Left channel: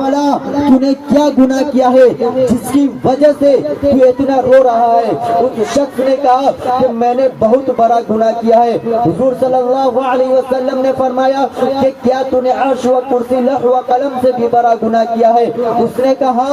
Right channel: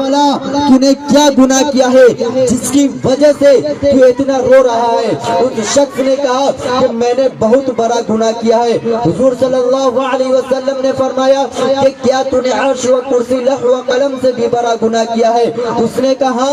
فلا तूने क्या गुनाह किया है जिसकी वजह से तू इतना रो रहा है। उस शख्स ने कहा कि मैंने बहुत बड़ा गुनाह किया है। हुजूर सल्लल्लाहु अलैहि वसल्लम ने फरमाया कि क्या तूने अर्श व कुर्सी लौह व कलम से भी बड़ा गुनाह किया है। उसने कहा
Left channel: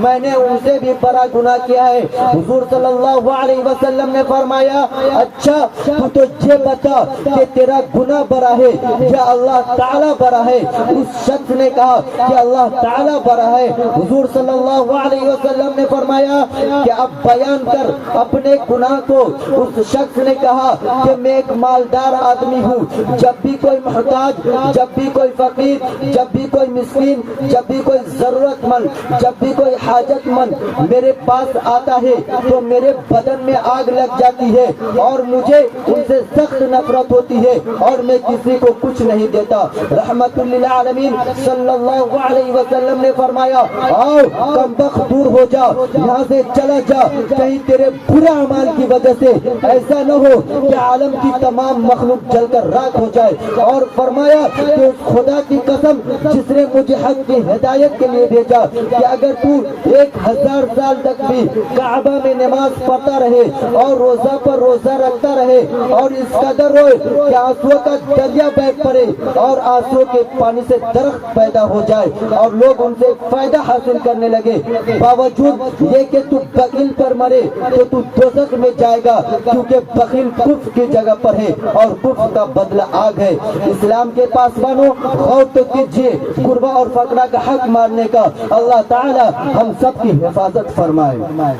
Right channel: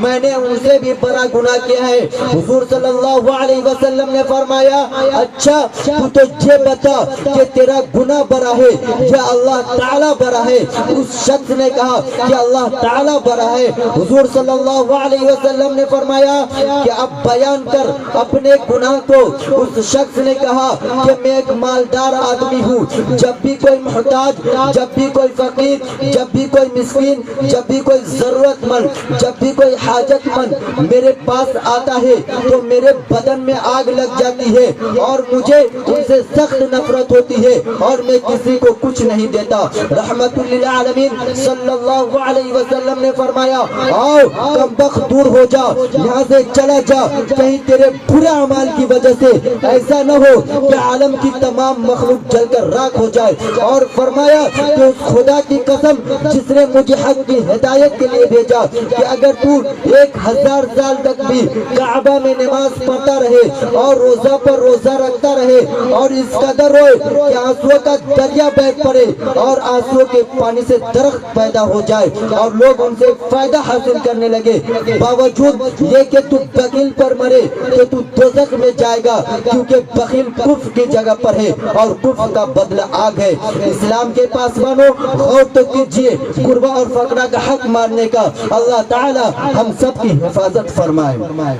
मैंने उनसे भी बड़ा गुनाह किया है। हुजूर सल्लल्लाहु अलैहि वसल्लम ने फरमाया अच्छा तू तो ये बता कि तेरा गुनाह बड़ा है या अल्लाह ताला बड़ा है। उस शख्स ने कहा कि अल्लाह ताला बड़ा है। हुजूर सल्लल्लाहु अलैहि वसल्लम ने फरमाया कि अब बयान कर अपने गुनाह को। उस शख्स ने कहा कि मैं एक मालदार आदमी हूँ। जब भी कोई मुहताज, जब भी कोई फकीर, जब भी कोई मिस्कीन, जब भी कोई जरूरतमंद, जब भी कोई हाजतमंद मेरे पास आता है तो मेरे बदन में आग लग जाती है और मुझे उनसे सख्त नफरत होती है और मैं किसी को कुछ नहीं देता। रहमतुल लिल आलमीन सल्लल्लाहु अलैहि वसल्लम ने फरमाया आओ कमबख्त दूर हो जा, यहाँ से चला जा, कहीं तेरे बुरे अमाल की वजह से ऐसा न हो कि आलम की तमाम मखलूक जलकर राख हो जाए। और फरमाया कि उस खुदा की कसम जिसने मुझे हक की हिदायत के लिए भेजा कि अगर तू 1000 साल तक भी काबा में नमाज पढ़ता रहे और रोजा पर रोजा रखता रहे और इस कदर रोए कि आंसुओं का दरिया बह पड़े और आंसुओं के पानी से दरख्त पैदा हो जाए और लोग उनसे फायदा हासिल करने लगे, बावजूद ये कि तू बखील पर मरे तो तू दोज़ख में जाएगा, क्योंकि बखील कुफ्र की जगह पर है और कुफ्र का बदला आग है। इस्लाम के पासवानों गौर तो कीजिए, कुर्बा और फकरा का हक मारने का अल्लाह ताला हम सब की हिफाजत फरमाए।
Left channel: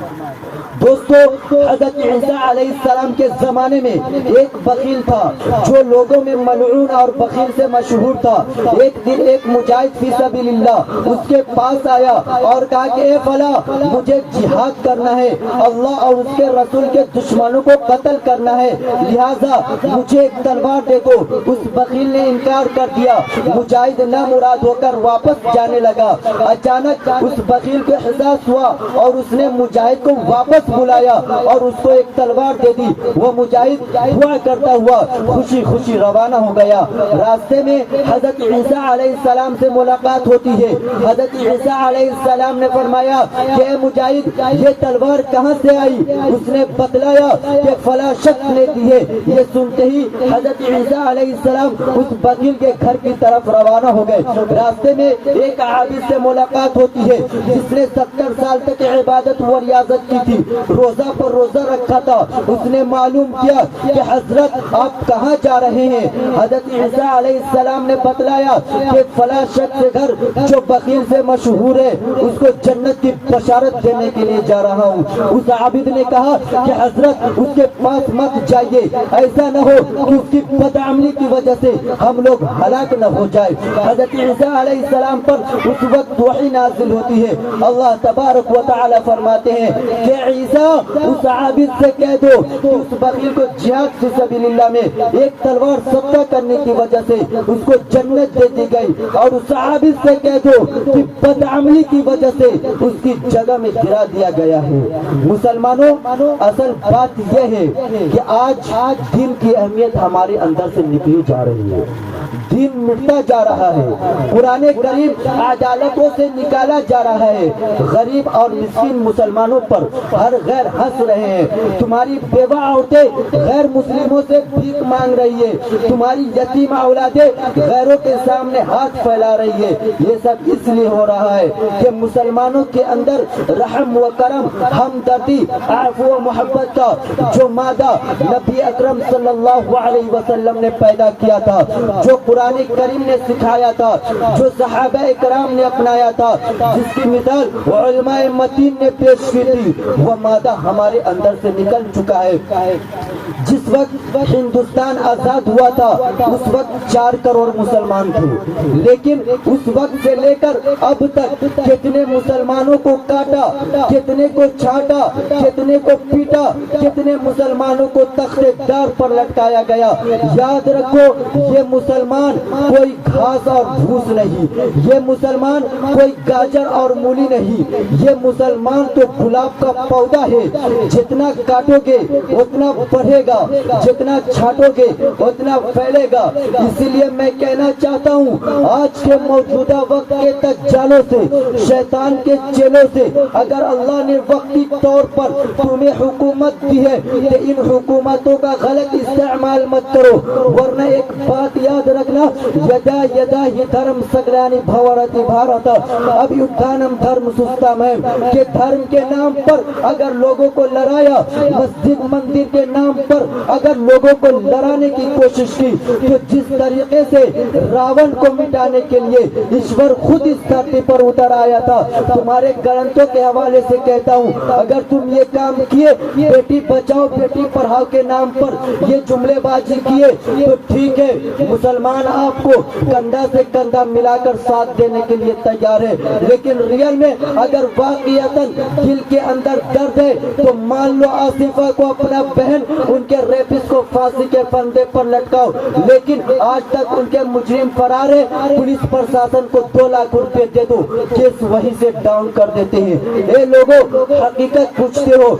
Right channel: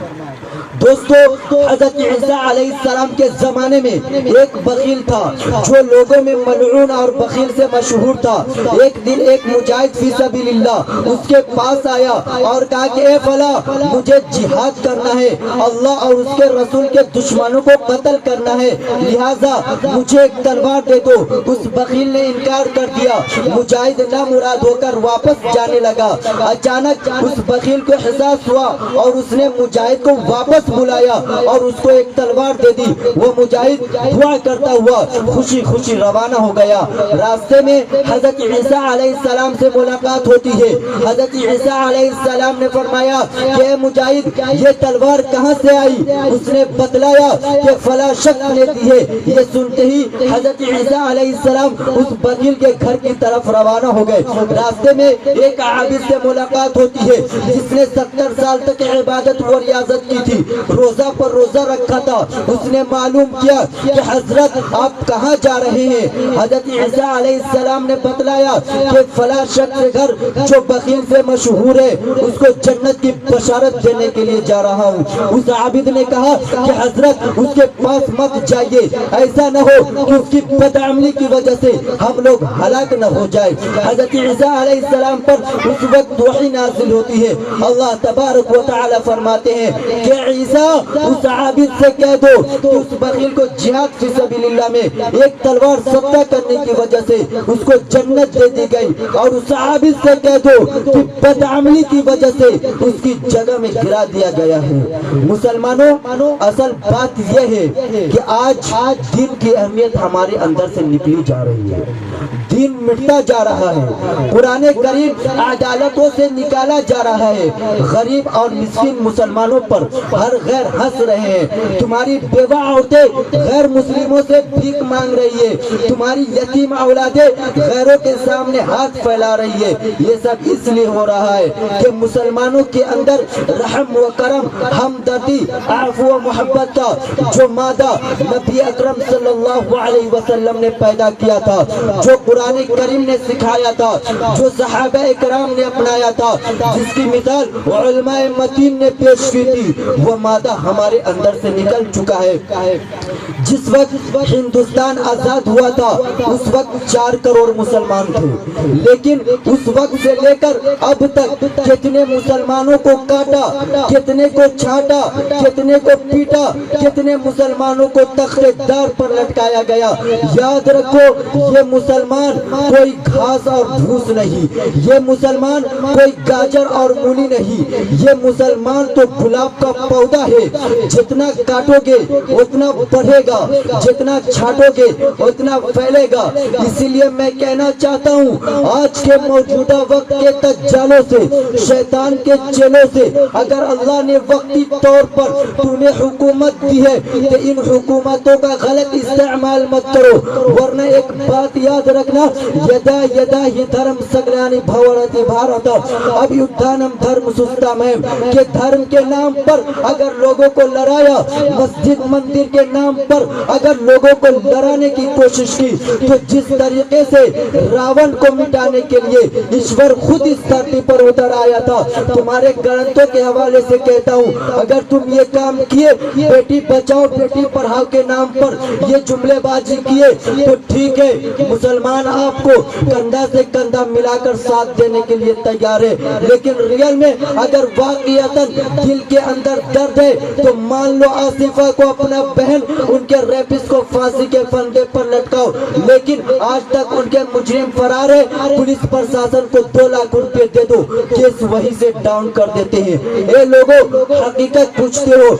दोस्तों हज़रत ईसा अलैहिस्सलाम के जमाने में एक बखील था जो लोगों में मलऊन और बखील से मशहूर था। एक दिन एक मुजाहिद फी सबीलिल्लाह उसके पास आया और कहा कि ए फला मुझे जिहाद करना है, अल्लाह और उसके रसूल के दुश्मनों को कत्ल करना है, लिहाजा मुझे एक तलवार दे दो। उस बखील ने इनकार कर दिया। मुजाहिद नामुराद होकर वापस जाने लगा। अचानक उस बखील को एहसास हुआ और उसने मुजाहिद को वापस बुलाया और उसको एक तलवार दे दी। वो मुजाहिद दुआ करता हुआ खुशी खुशी रवाना हो गया। रास्ते में हजरत ईसा अलैहिस्सलाम से मुलाकात होती है। हजरत ईसा अलैहिस्सलाम ने फरमाया कि मुजाहिद ये तलवार कहाँ से आई? उसने बतलाया कि फला शख्स ने दी है। ये सुनते ही हजरत ईसा अलैहिस्सलाम उस बखील के घर की तरफ रवाना हो गए। रास्ते में एक आबिद से मुलाकात होती है जिसने 70 साल तक इबादत व रियाजत की थी, रोजा पर रोजा रखा था। उसने मालूम किया कि हजरत आप कहाँ जा रहे हैं? हजरत ईसा अलैहिस्सलाम ने बतलाया कि फला शख्स के घर जो बखील से मशहूर है उसको जन्नत की बशारत देने के लिए जा रहा हूँ। उस आबिद ने कहा कि हजरत उसके पास मत जाइए, ऐसा न हो कि उसकी बदअमली की वजह से हम लोग हलाक न हो जाए। हजरत ईसा अलैहिस्सलाम पर उस वक्त वही नाज़िल होती है। अल्लाह तबारक व तआला फरमाते हैं कि ईसा उस आबिद से कह दो तो उस बखील को जिहाद फी सबीलिल्लाह में एक तलवार सत्ता करने की वजह से उसको जन्नत दे दी गई, और उस आबिद से कह दो कि बदअमली की वजह से उसकी जगह में गिरा दिया गया है। मुसलमानों असल बात यह है कि आज दीन की अहमियत हमारे अंदर से निकली जा रही है, दीन मिटता जा रहा है, पुराने करीब अदालतों से निकाला जा रहा है। गरीब और मिस्किन मुसलमानों पर हर गैर हंस रहे हैं। तुम्हारी बेवा औरतें गैर मुस्लिमों से भीख मांग रही है, तुम्हारी यतीम औलादें गैरों के सामने हाथ फैला रही है। ये सब इसलिए हो रहा है कि मुसलमानों के अंदर रहम व करम, हमदर्दी, आफ़ व मोहब्बत का जो मादा नबी अकरम सल्लल्लाहु अलैहि वसल्लम ने पैदा किया था, जो कुरान करीम ने सिखाया था, जो सहाबा इकराम ने अपनाया था, जिसकी मिसाल उलमाए मतीन ने पेश की थी, वो मादा हमारे अंदर से निकल चुका है। जिस वक्त हिंदुस्तान आजाद हुआ था उस वक्त 4 करोड़ मुसलमान थे, लेकिन उस वक्त से लेकर अब तक कितने मुसलमानों को काटा, कितने को छाटा, कितने को पीटा, कितने मुसलमानों को तख्तेदार पर लटकाया गया। याद रखो ये मुसलमान कोई घास और भूस नहीं, ये मुसलमान कोई गाजर और मूली नहीं, ये मुसलमान तो गुलाब का पौधा ہوتا ہے, جتنا کاٹو گے اتنا بڑھے گا, جتنا چھانٹو گے اتنا پھیلے گا. اسی لیے میں کہنا چاہتا ہوں آج کے موجودہ وقت کے دجالوں سے, شیطان کے چیلوں سے, اگر اللہ نے وقتی طور پر تمہیں حکومت دی ہے تو ان حکومتوں کا غلط استعمال مت کرو, ورنہ ایک بات یاد رکھنا, یدا یدا ہی دھرم سگلانی بھورتی بھارت. اب یدھانم دھرم سستامیم, کہ دھرم کے نام پر اگر لوگوں کو لڑایا, مسجد مندر کے نام پر اگر لوگوں کو لڑانے کی کوشش کی, تو جس طریقے سے راون کو مٹانے کے لیے ایشور خود اس دھرتی پر اتر آیا تھا, تمہارے گرنتھوں کے حوالے سے کہتا ہوں اگر تم یہ کام کیے, بیٹی بچاؤ بیٹی پڑھاؤ کے نام پر یہ جملے بازی کیے, تو ٹھیک ہے, مسلمان آپ کو کندھا سے کندھا ملا کر ساتھ دینے کے لیے تیار ہے, لیکن ریئل میں اگر واقعیتاً دل کے اندر درد ہے تو مان لو آصفہ کو اپنا بہن, ان کے ریپس کو پھانسی کے پھندے پر لٹکاؤ, لیکن آج تک ان کے مجرم فرار ہے. پولیس پرشاسن کو 2 لاکھ روپے دے دو, کیس وہیں سے ڈاؤن کر دیتے ہیں. اے لوگوں, حقیقت پوچھتے ہو,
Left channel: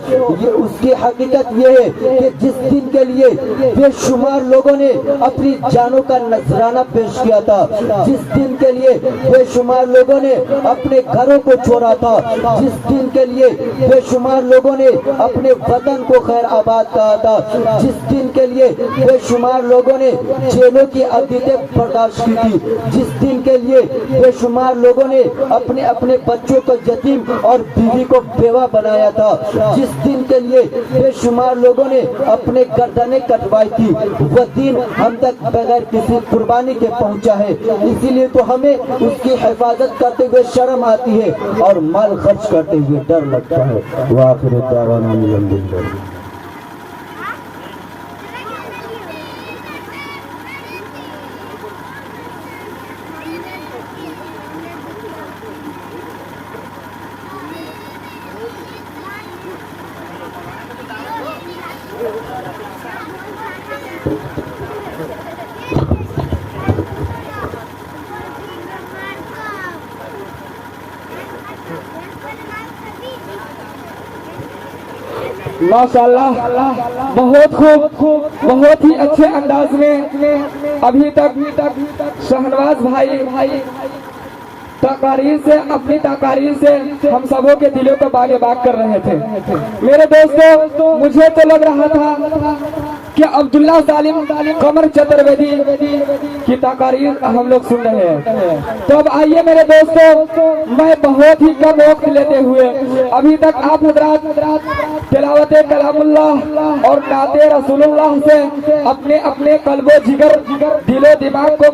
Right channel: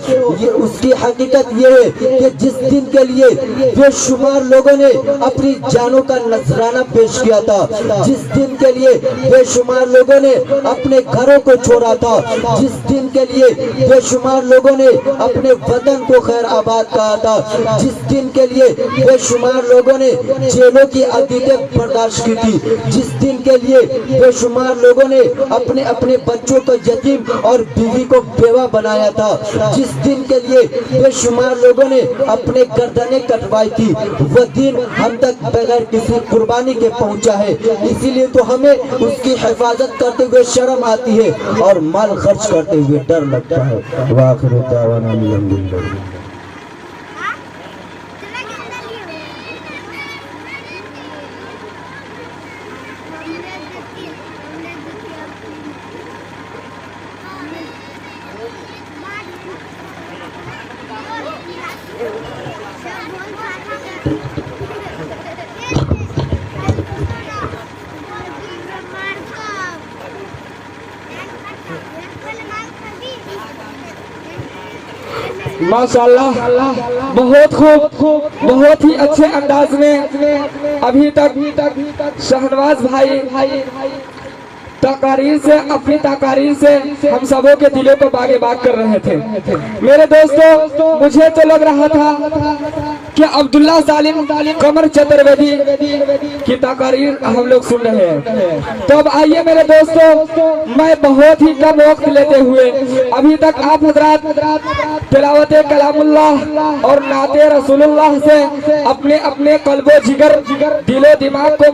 اس کی حقیقت یہ ہے کہ جس دن کے لیے بے شمار لوگوں نے اپنی جانوں کا نذرانہ پیش کیا تھا, جس دن کے لیے بے شمار لوگوں نے اپنے گھروں کو چھوڑا تھا, جس دن کے لیے بے شمار لوگوں نے اپنے وطن کو خیر آباد کہا تھا, جس دن کے لیے بے شمار لوگوں نے جیلوں کی عذیتیں برداشت کی تھی, جس دن کے لیے بے شمار لوگوں نے اپنے اپنے بچوں کو یتیم اور بیوی کو بیوہ بنایا تھا, جس دن کے لیے بے شمار لوگوں نے اپنے گردنیں کٹوائی تھی, وہ دن ہم تک بغیر کسی قربانی کے پہنچا ہے. اسی لیے تو ہمیں اس کی حفاظت کرتے ہوئے شرم آتی ہے اور مال خرچ کرتے ہوئے ڈر لگتا ہے. وآخر دعوانا الحمدللہ. ماشاءاللہ, بہت خوب, بہت ہی اچھے انداز میں ابھی تک شہنواز بھائی تقاریر سے, اپنی تقاریر سے ہم سبوں کے دلوں کو باغ باغ کر رہے تھے. میرے دوستو, مجھے تو لگ رہا تھا کہ عبداللہ سالم قمر چترویدی کی تقاریر ہم لوگ سن رہے ہیں. تو اب آئیے میرے دوستو, میں بہت ہی کم وقت لیتے ہوئے ابھی تک آپ حضرات تلاوت کلام اللہ اور نعت رسول اللہ سے اپنے قلب و جگر, دل و دماغ کو